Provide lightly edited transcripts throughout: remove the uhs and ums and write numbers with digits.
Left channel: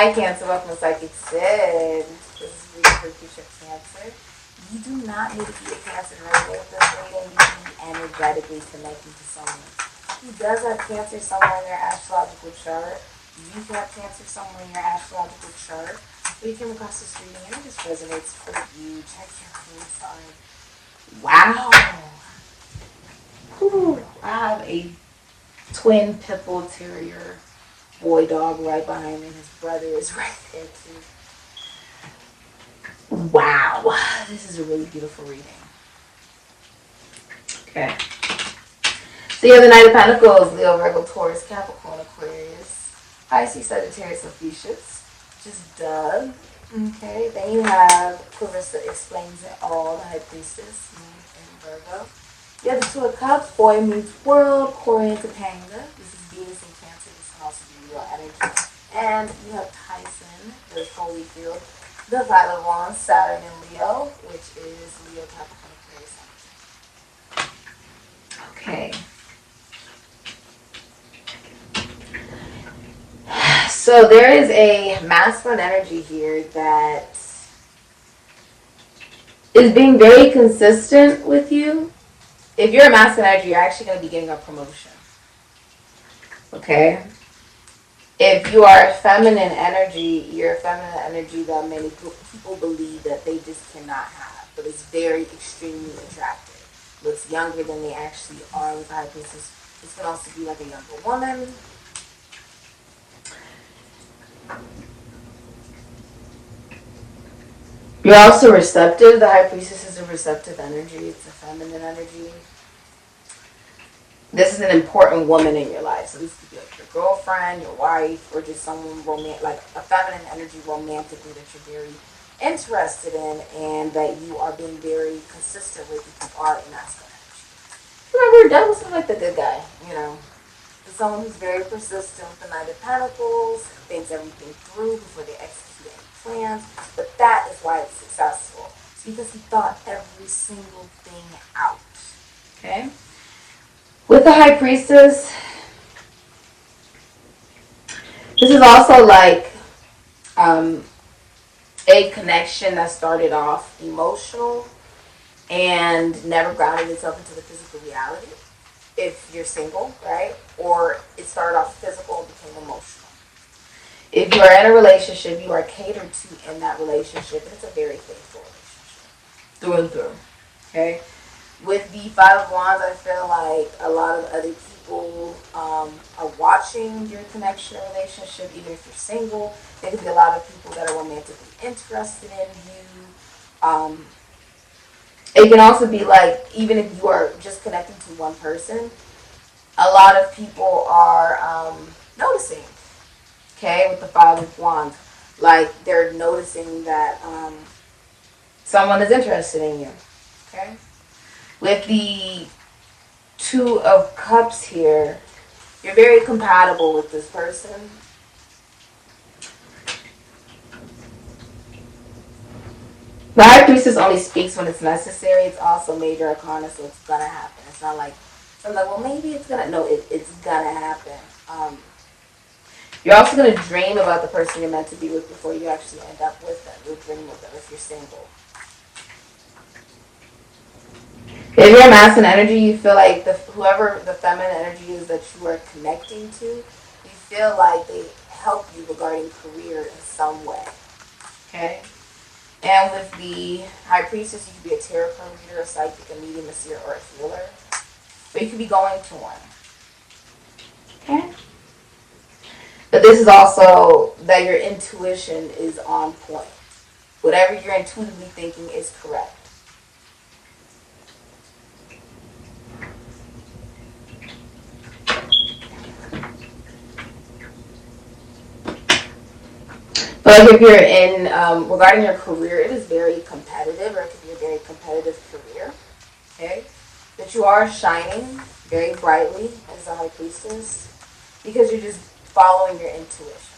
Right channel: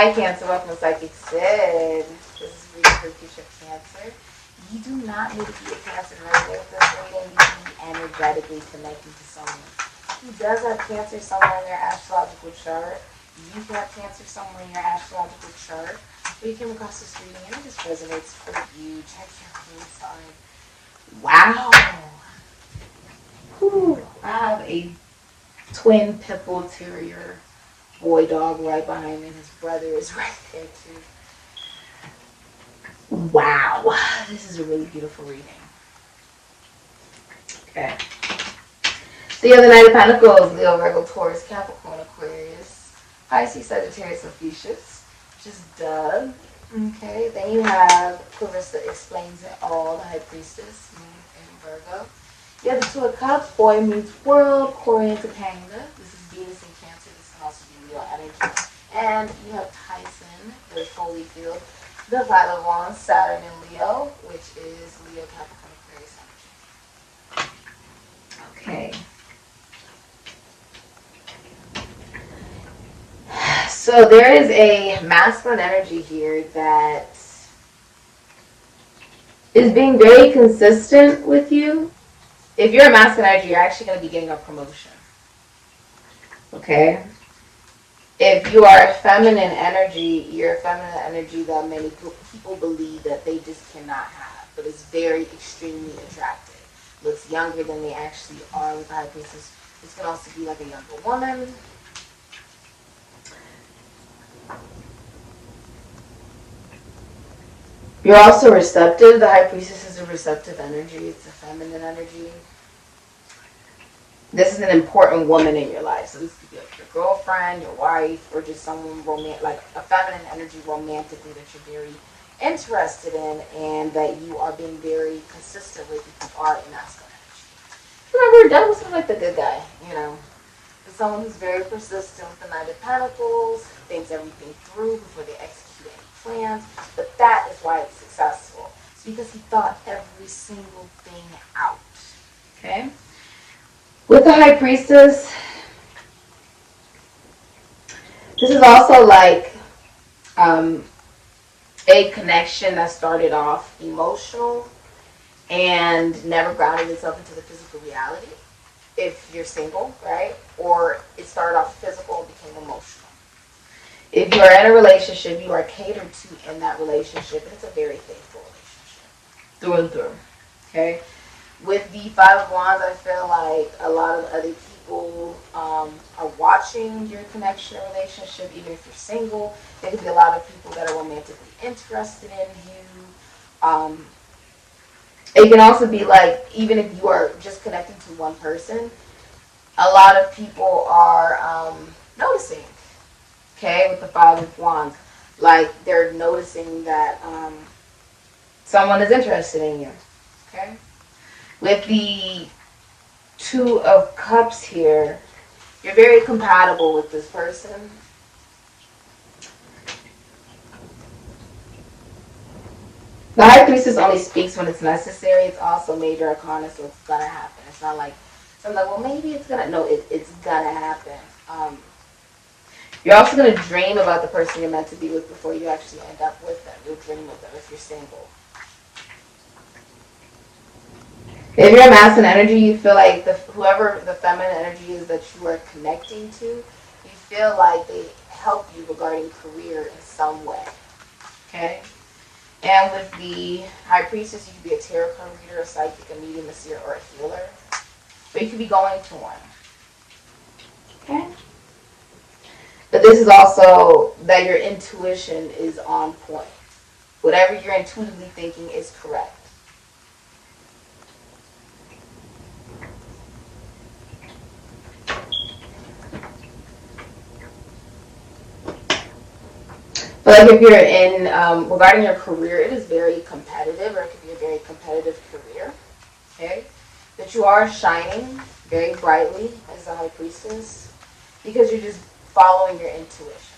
Hi, Cancer. Welcome to Sikiksyd. This is reading for future Cancer. You do not need to be a Cancer to resonate with this reading. You can be energetically connecting to someone who does have Cancer somewhere in their astrological chart. You can have Cancer somewhere in your astrological chart. But you came across this reading and it just resonates for you. Check your moon sign. Wow. Whew. I have a twin pitbull terrier boy dog right behind me. His brother is right there too. Wow. This is a really beautiful reading. Okay. So you have the Knight of Pentacles, Leo, Virgo, Taurus, Capricorn, Aquarius, Pisces, Sagittarius, and Fuchsias, which is Doug. Okay. Then you have Clarissa Explains It All, the High Priestess, Moon, and Virgo. You have the Two of Cups, Boy Meets World, Corian Topanga. This is Venus and Cancer. This can also be Leo energy. And you have Tyson, the Holy Field, the Five of Wands, Saturn and Leo, which is Leo, Capricorn, Aquarius. Okay. So there is a masculine energy here that is being very consistent with you. If you're a masculine energy, you're actually going to be getting a promotion. Okay? If you are a feminine energy, you're a feminine energy that many people believe that they just cannot have. But it's very extremely attractive. Looks younger than they actually are with the High Priestess. This could also be like a younger woman. You're also receptive. The High Priestess is a receptive energy. It's a feminine energy. This is an important woman in your life. So this could be like your girlfriend, your wife, or just someone romantic, like a feminine energy romantically that you're very interested in and that you are being very consistent with if you are in masculine energy. Remember, that was like the good guy, you know. It's someone who's very persistent with the Knight of Pentacles, thinks everything through before they execute any plans. But that is why it's successful. It's because he thought every single thing out. Okay? With the High Priestess, this is also like a connection that started off emotional and never grounded itself into the physical reality. If you're single, right? Or it started off physical and became emotional. If you're in a relationship, you are catered to in that relationship. And it's a very faithful relationship. Through and through. Okay? With the Five of Wands, I feel like a lot of other people are watching your connection or relationship, even if you're single. There could be a lot of people that are romantically interested in you. It can also be like, even if you are just connecting to one person, a lot of people are noticing, okay, with the Five of Wands. Like, they're noticing that someone is interested in you, okay? With the Two of Cups here, you're very compatible with this person. The High Priestess only speaks when it's necessary. It's also major arcana, so it's gonna happen. It's not like, so I'm like, well, maybe it's gonna, no, it's gonna happen. You're also gonna dream about the person you're meant to be with before you actually end up with them. You'll dream of them if you're single. If you're a masculine energy, you feel like whoever the feminine energy is that you are connecting to, you feel like they help you regarding career in some way. Okay? And with the High Priestess, you could be a tarot card reader, a psychic, a medium, a seer, or a healer. But you could be going to one. Okay? But this is also that your intuition is on point. Whatever you're intuitively thinking is correct. But like if you're in, regarding your career, it is very competitive, or it could be a very competitive career, okay? That you are shining very brightly as a High Priestess because you're just following your intuition,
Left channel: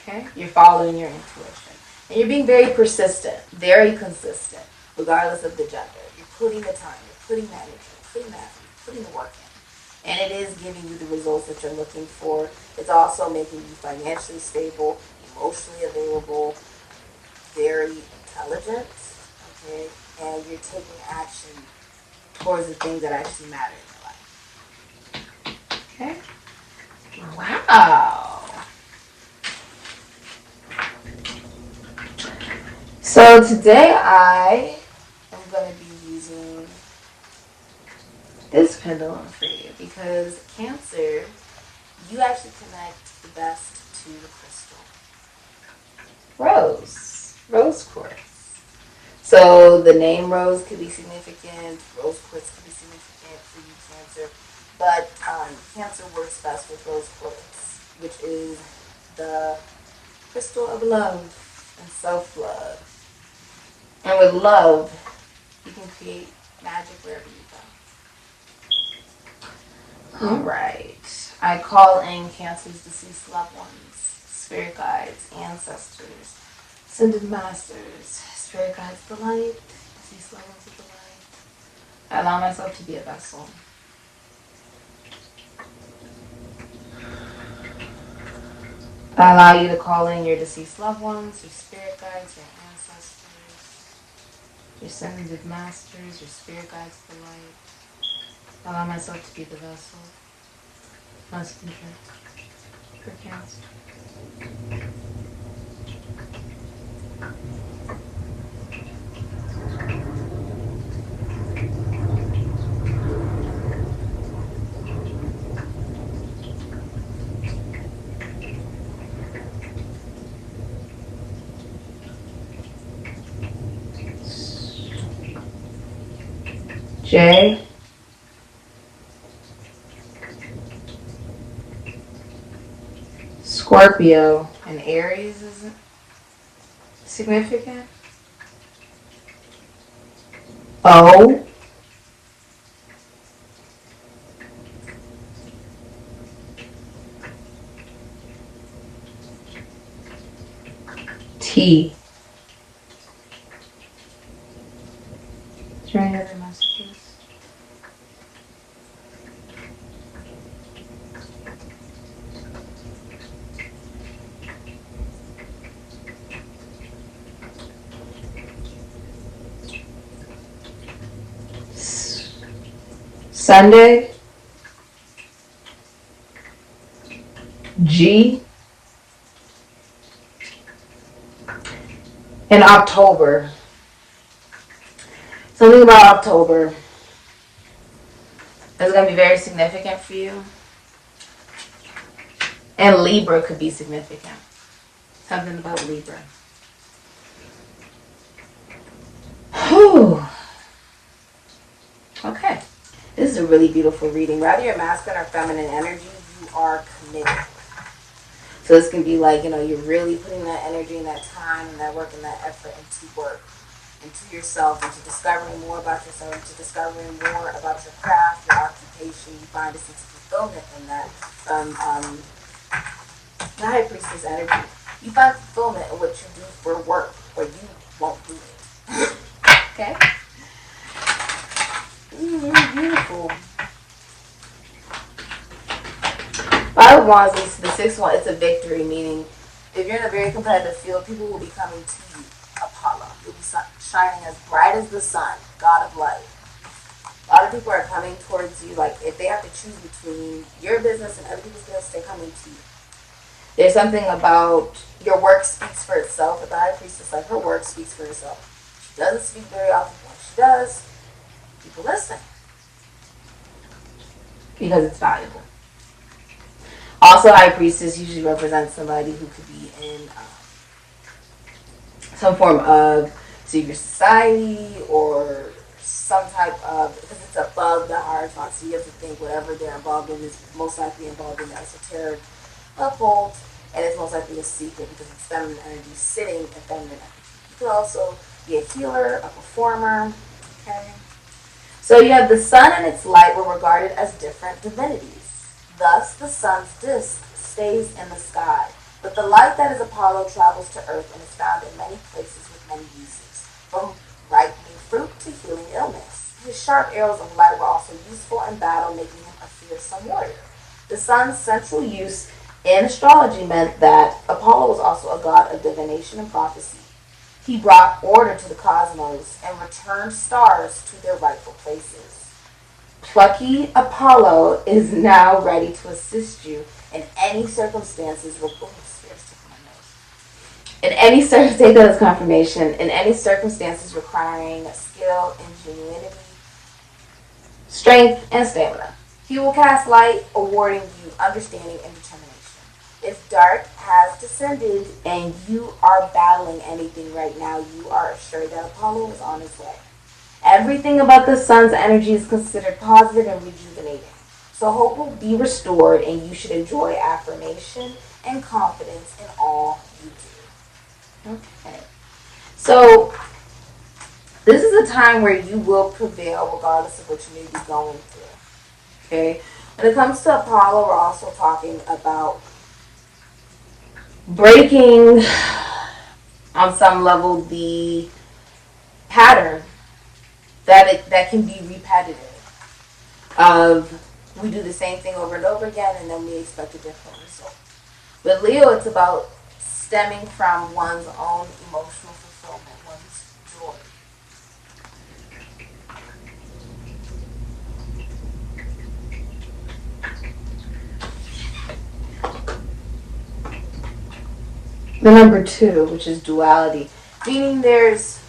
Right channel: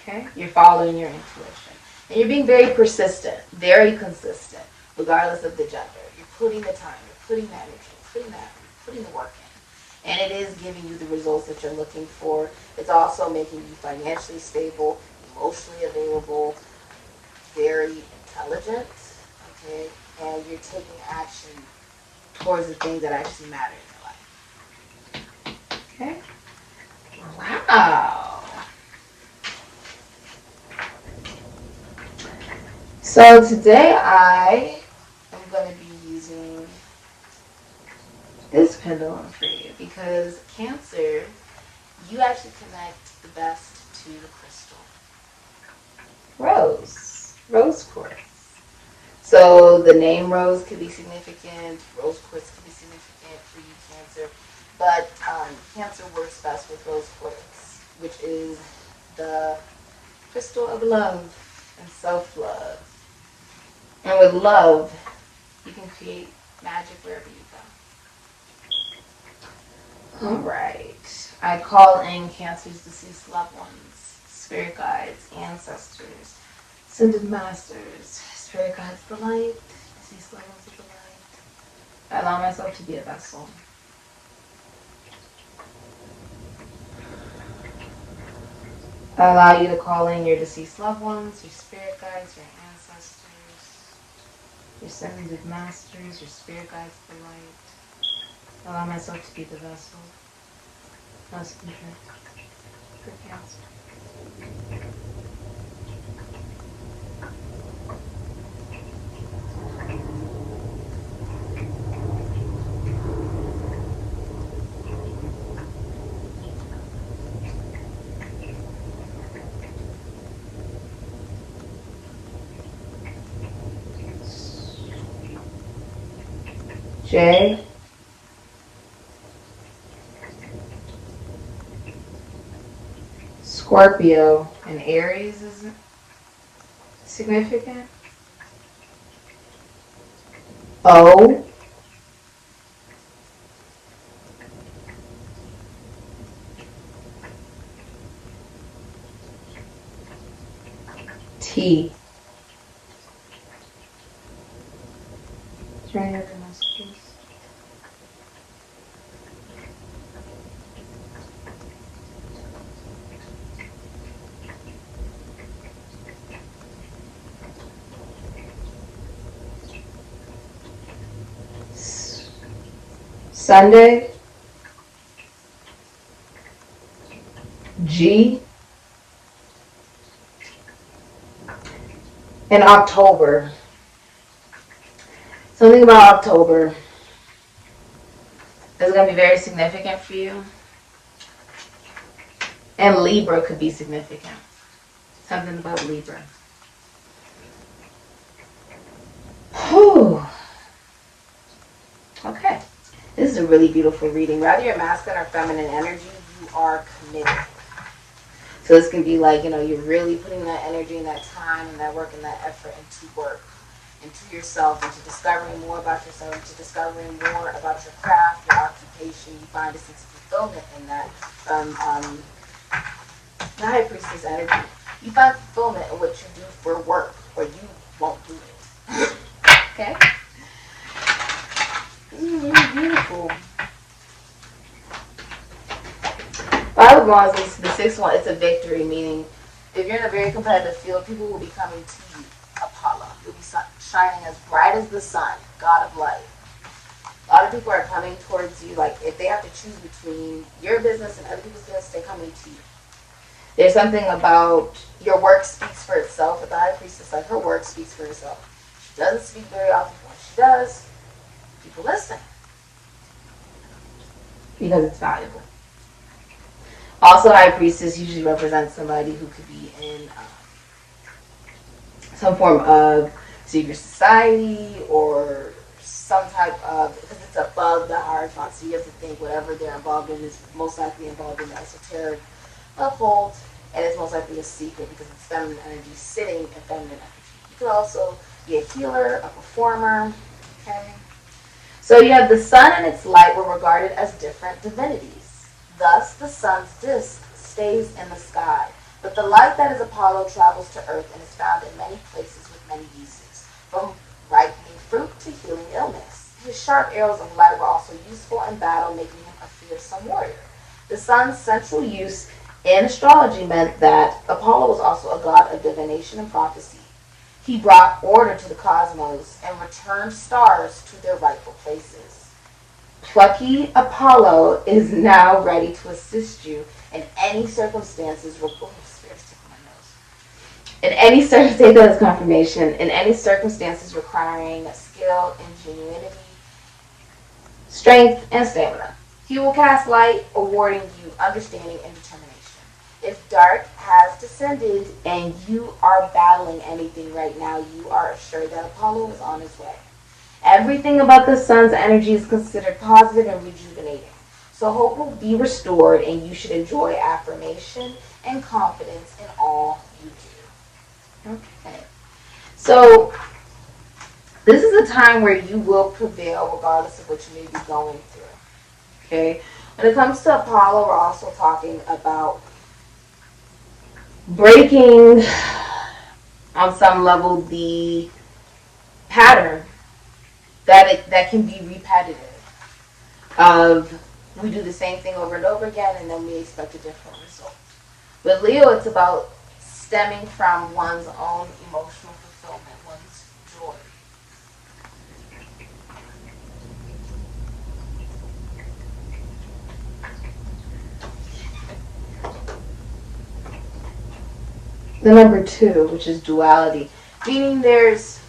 okay? You're following your intuition. And you're being very persistent, very consistent, regardless of the gender. You're putting the time, you're putting the energy, you're putting the work in. And it is giving you the results that you're looking for. It's also making you financially stable. You emotionally available, very intelligent, okay? And you're taking action towards the things that actually matter in your life. Okay? Wow. So today I am going to be using this pendulum for you because Cancer, you actually connect the best to the crystal. Rose quartz. So the name rose could be significant, rose quartz could be significant for you, Cancer, but Cancer works best with rose quartz, which is the crystal of love and self-love. And with love, you can create magic wherever you go. All right. I call in Cancer's deceased loved ones, spirit guides, ancestors, ascended masters, spirit guides of the light, deceased loved ones of the light. I allow myself to be a vessel. I allow you to call in your deceased loved ones, your spirit guides, your ancestors, your ascended masters, your spirit guides of the light. I allow myself to be the vessel. Concentrate for Cancer. J. Scorpio and Aries is significant. O. T. Is there any other messages? Sunday, G, in October. Something about October is going to be very significant for you. And Libra could be significant. Something about Libra. Whew. Okay. This is a really beautiful reading. Whether you're masculine or feminine energy, you are committed. So this can be like, you're really putting that energy and that time and that work and that effort into work, into yourself, into discovering more about yourself, into discovering more about your craft, your occupation. You find a sense of fulfillment in that. The High Priestess energy. You find fulfillment in what you do for work, or you won't do it. Okay? This is really beautiful. Five of Wands leads to the sixth one. It's a victory, meaning if you're in a very competitive field, people will be coming to you. Apollo. You'll be shining as bright as the sun, God of light. A lot of people are coming towards you, like if they have to choose between your business and other people's business, they're coming to you. There's something about your work speaks for itself. With the High Priestess, like her work speaks for itself. She doesn't speak very often. When she does, people listen because it's valuable. Also, High Priestess usually represents somebody who could be in some form of secret society or some type of, because it's above the hierarchy, so you have to think whatever they're involved in is most likely involved in the esoteric occult, and it's most likely a secret because it's feminine energy sitting in feminine energy. You could also be a healer, a performer, okay? So you have the sun and its light were regarded as different divinities. Thus, the sun's disk stays in the sky, but the light that is Apollo travels to earth and is found in many places with many uses, from ripening fruit to healing illness. His sharp arrows of light were also useful in battle, making him a fearsome warrior. The sun's central use in astrology meant that Apollo was also a god of divination and prophecy. He brought order to the cosmos and returned stars to their rightful places. Plucky Apollo is now ready to assist you in any circumstances. In any circumstance, that is confirmation. In any circumstances requiring skill, ingenuity, strength, and stamina. He will cast light, awarding you understanding and determination. If dark has descended and you are battling anything right now, you are assured that Apollo is on his way. Everything about the sun's energy is considered positive and rejuvenating. So hope will be restored and you should enjoy affirmation and confidence in all you do. Okay. So this is a time where you will prevail regardless of what you may be going through. Okay. When it comes to Apollo, we're also talking about breaking on some level the pattern that can be repetitive of we do the same thing over and over again and then we expect a different result. With Leo, it's about stemming from one's own emotional fulfillment, one's joy. The number 2, which is duality, meaning there's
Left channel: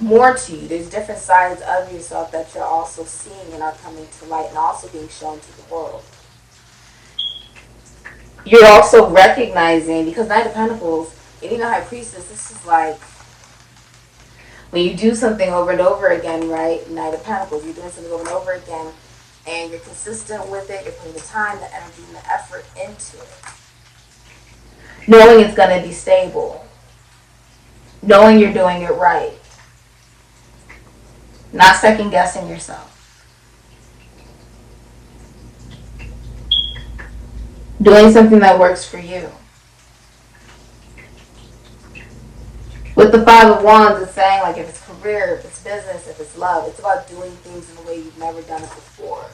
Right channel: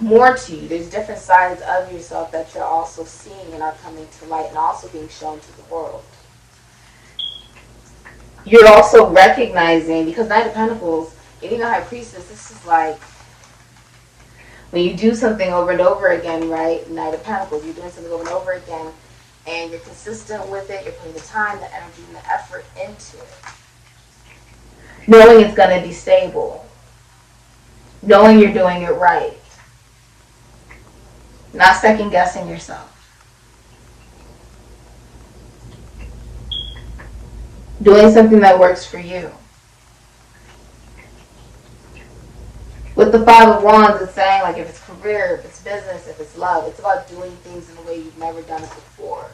more to you. There's different sides of yourself that you're also seeing and are coming to light and also being shown to the world. You're also recognizing, because Knight of Pentacles, getting a High Priestess, this is like when you do something over and over again, right? Knight of Pentacles, you're doing something over and over again and you're consistent with it, you're putting the time, the energy, and the effort into it. Knowing it's going to be stable. Knowing you're doing it right. Not second guessing yourself. Doing something that works for you. With the 5 of Wands, it's saying like if it's career, if it's business, if it's love, it's about doing things in a way you've never done it before.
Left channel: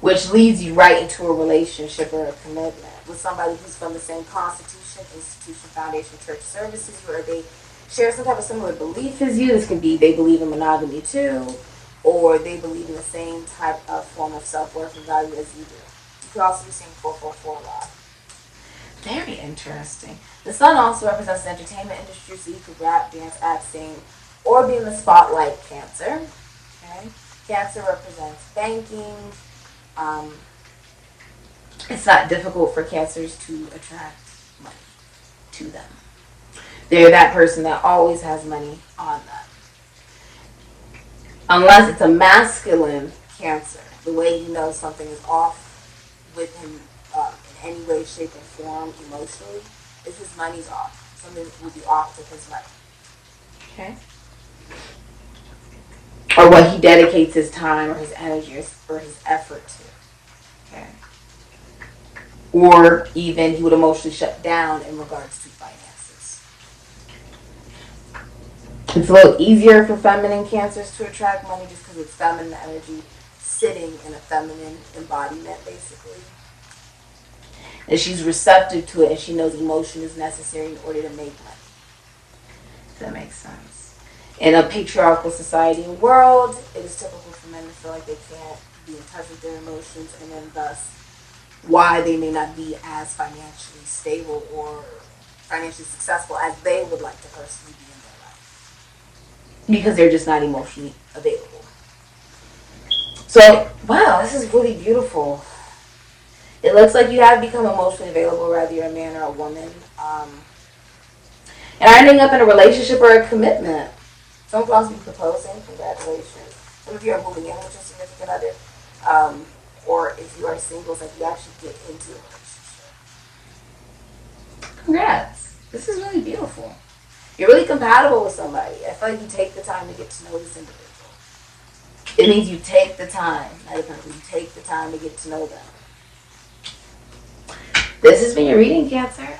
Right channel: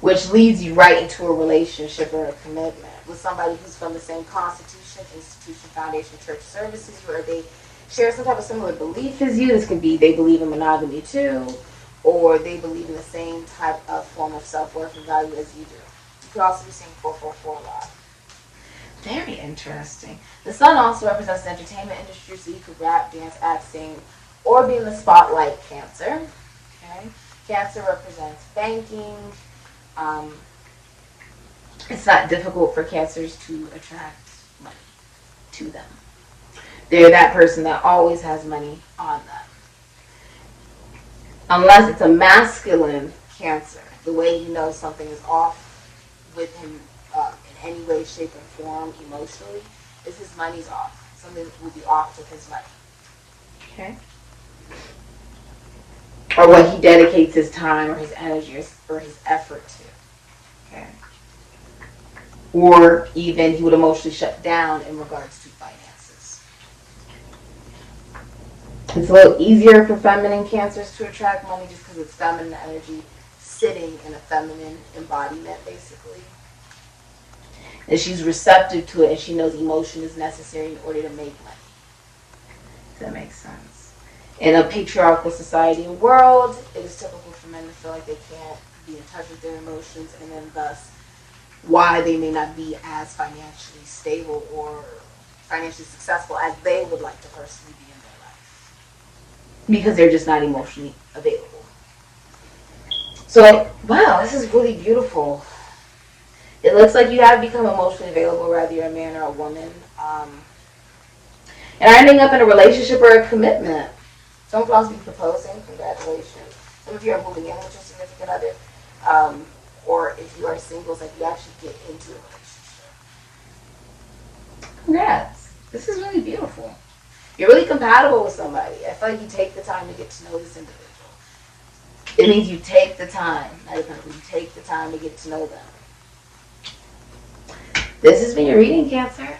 Which leads you right into a relationship or a commitment with somebody who's from the same constitution, institution, foundation, church services, where they share some type of similar belief as you. This could be they believe in monogamy too, or they believe in the same type of form of self-worth and value as you do. You could also be seeing 444 lot. Very interesting. The sun also represents the entertainment industry, so you could rap, dance, act, sing, or be in the spotlight, Cancer. Okay? Cancer represents banking. It's not difficult for Cancers to attract money to them. They're that person that always has money on them. Unless it's a masculine Cancer, the way you know something is off with him in any way, shape, or form emotionally is his money's off. Something will be off with his money. Okay? Or what he dedicates his time or his energy or his effort to. Okay? Or even he would emotionally shut down in regards to finances. It's a little easier for feminine Cancers to attract money just because it's feminine energy sitting in a feminine embodiment, basically. And she's receptive to it and she knows emotion is necessary in order to make money. If that makes sense. In a patriarchal society and world, it is typical for men to feel like they can't be in touch with their emotions, and then thus why they may not be as financially stable or financially successful as they would like to personally be in their life. Because they're just not emotionally available. So, wow, this is really beautiful. It looks like you have become emotionally available, whether you're a man or a woman. And ending up in a relationship or a commitment. Some of us be proposing, congratulations. Some of you are moving in with your significant other. Or if you are single, it's like you actually get into a relationship. Congrats. This is really beautiful. You're really compatible with somebody. I feel like you take the time to get to know this individual. It means you take the time. You take the time to get to know them. This has been your reading, Cancer.